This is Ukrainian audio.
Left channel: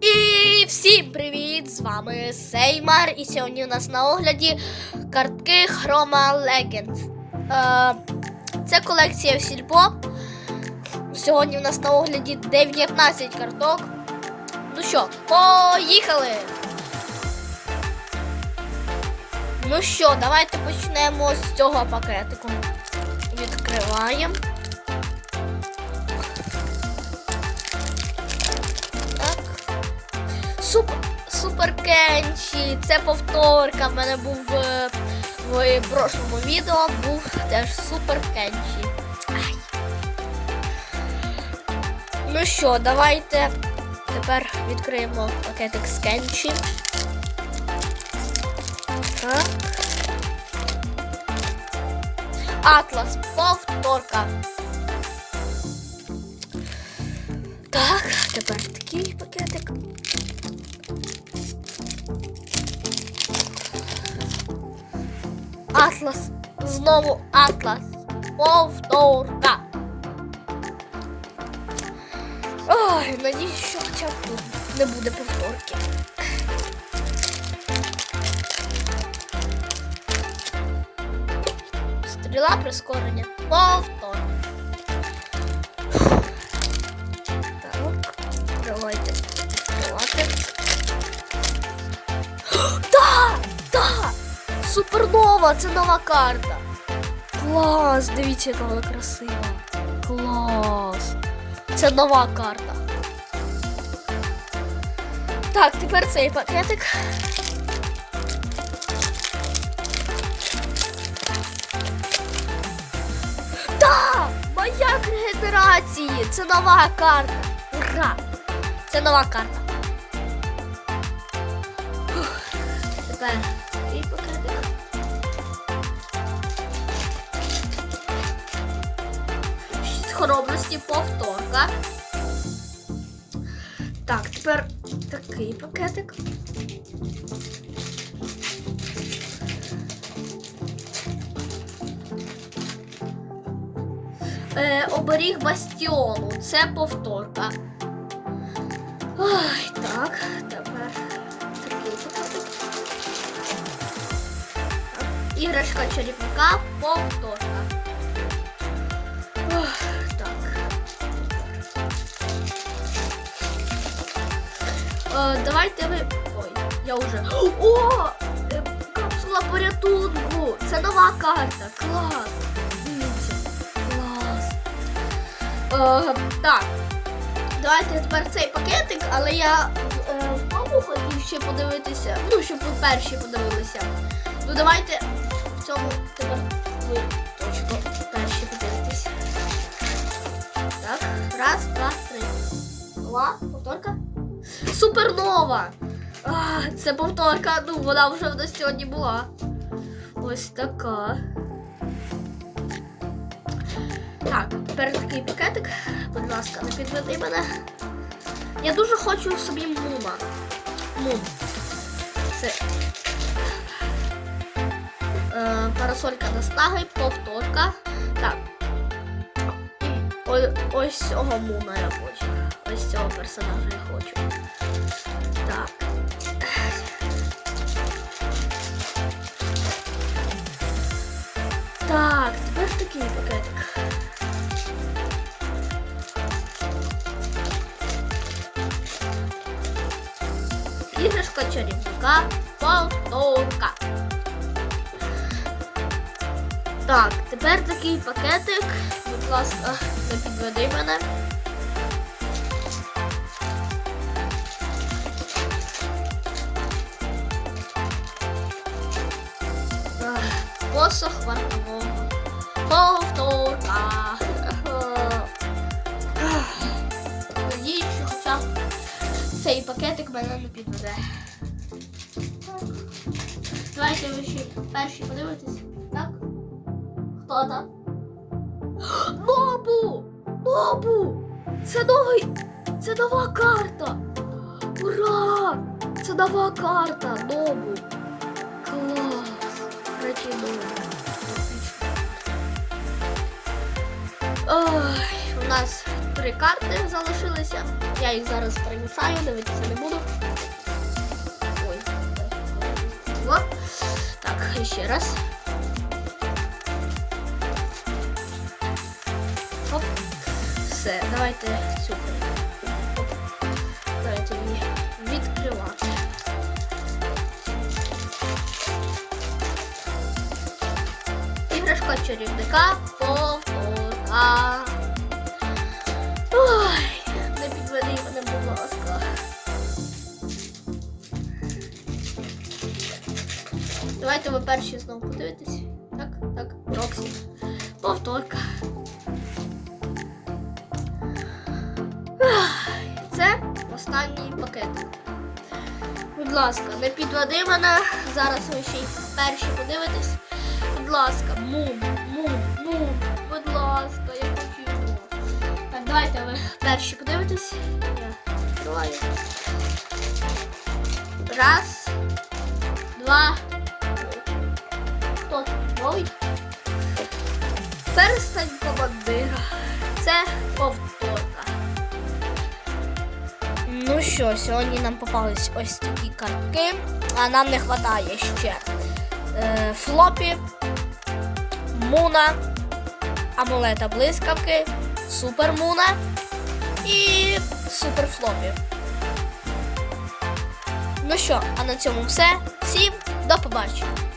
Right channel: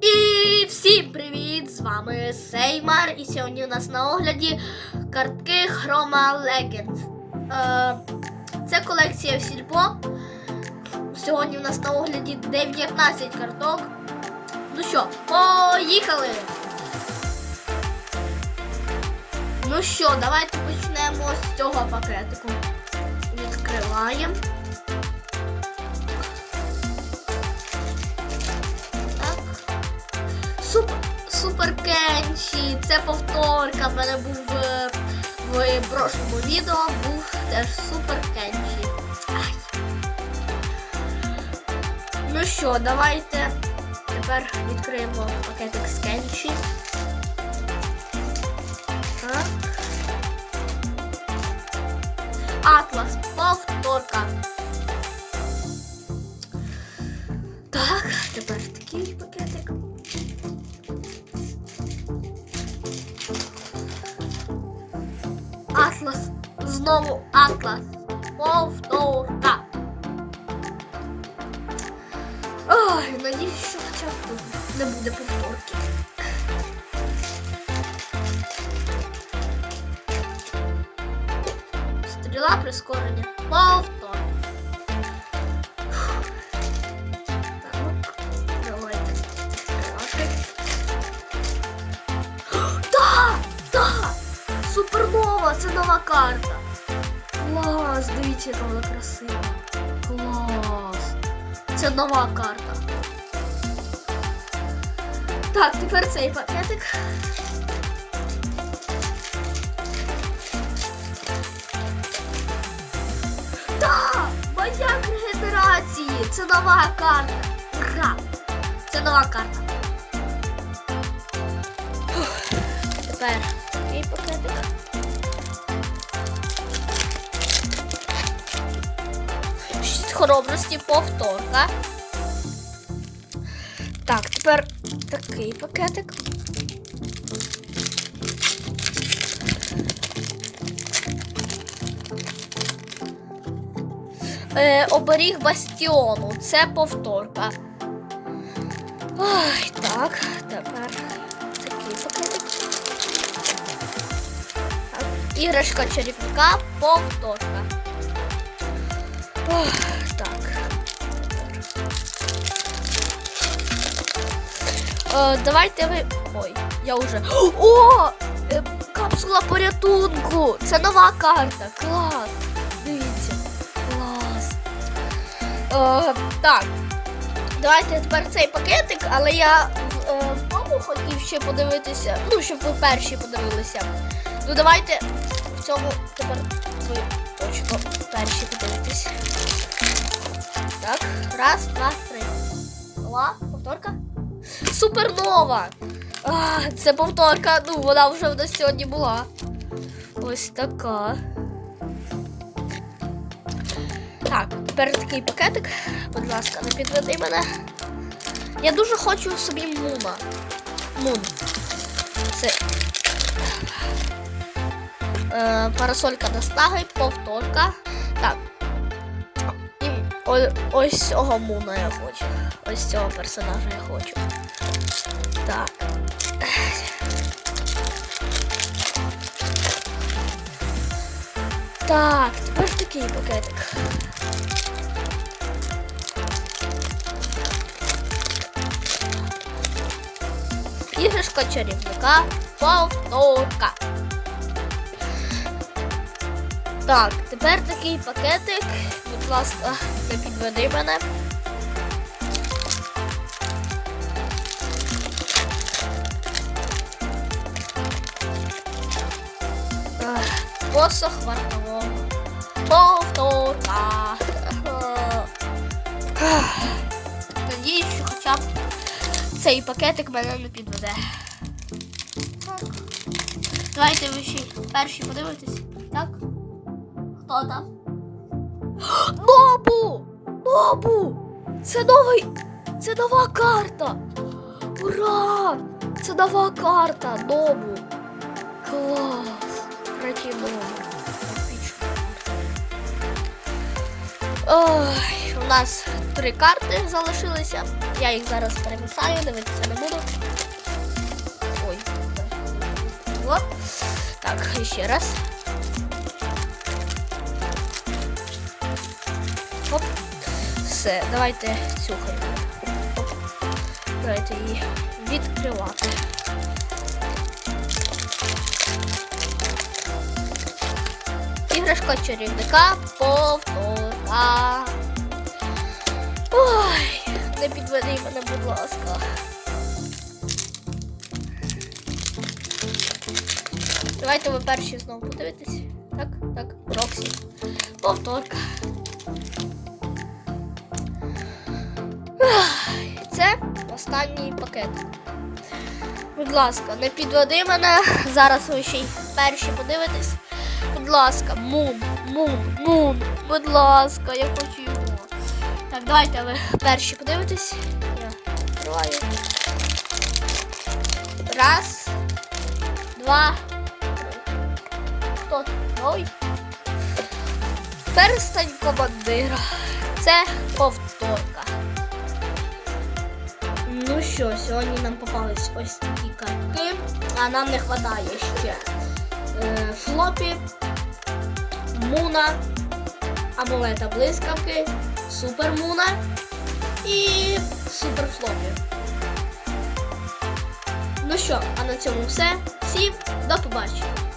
І всім привіт! З вами Сеймар. І сьогодні у нас на огляді картки Chroma Legends. Е, Це колекція Сільпо. Сьогодні у нас на огляді 19 карток. Ну що, поїхали! Ну що, давайте почнемо з цього пакетику. Відкриваємо. Супер Кенчі, це повторка. В мене був в в прошлому відео був теж супер. Ай. Ну що, давайте тепер відкриємо пакетик з Кенчі. Атлас. Знову Атлас. Повторка. Ой, надіюсь, що хоча б не буде повторки. Стріла прискорення. Це нова карта. Клас! Дивіться, яка вона красива. Клас! Це нова карта. Так, тепер цей пакетик. Так! Маяк регенерації! Це нова карта! Ура! Це нова карта. Фух. Тепер хоробрості повторка. Так, тепер такий пакетик. Е, оберіг бастіону. Це повторка. Ой, так, тепер такий пакетик. Так, Іграшка чарівника, повторка. Ох, давайте ви. Ой, я вже. О! Е, Капсула порятунку! Це нова карта. Клас! Дивіться. Клас. Е, так. Давайте тепер цей пакетик, але я е, хотів ще подивитися. Ну, щоб ви перші подивилися. Ну давайте в цьому тепер Супернова! А, це повторка, ну вона вже в нас сьогодні була. Ось така. Так, тепер такий пакетик. Будь ласка, не підведи мене. Я дуже хочу собі мума. Мум. Це. Е, парасолька наснаги, повторка. Ось цього мума я хочу. Ось цього персонажа я хочу. Так. Так, тепер такий пакетик. Іграшка чарівника, повторка. Так, тепер такий пакетик. Будь ласка, не підведи мене. Ех, Посох вартового. Повторка. Надіюсь, що хоча б цей пакетик мене не підведе. Давайте ви ще перші подивитесь. Так? Хто там? Нобу! Це новий! Це нова карта! Ура! Це нова карта! Нобу! Клас! Ой, у нас три карти залишилися. Я їх зараз перемішаю, дивитися не буду. Ой. О. Так, ще раз. Оп. Все, давайте цю. Давайте її відкривати. Іграшка чарівника Пополка. Ой, не підведи мене, будь ласка. Давайте ви перші знову подивитесь. Останній пакет. Будь ласка, не підведи мене. Зараз ви ще й перші подивитесь. Будь ласка, мум, мум, мум. Будь ласка, я хочу його. Так, давайте ви перші подивитесь. Раз, два. Стоп. Ой. Перстень командира. Це повторка. Що, сьогодні нам попались ось такі картки, а нам не вистачає ще е, флопі, муна, амулета блискавки, супермуна і суперфлопі. Ну що, а на цьому все. Всім до побачення.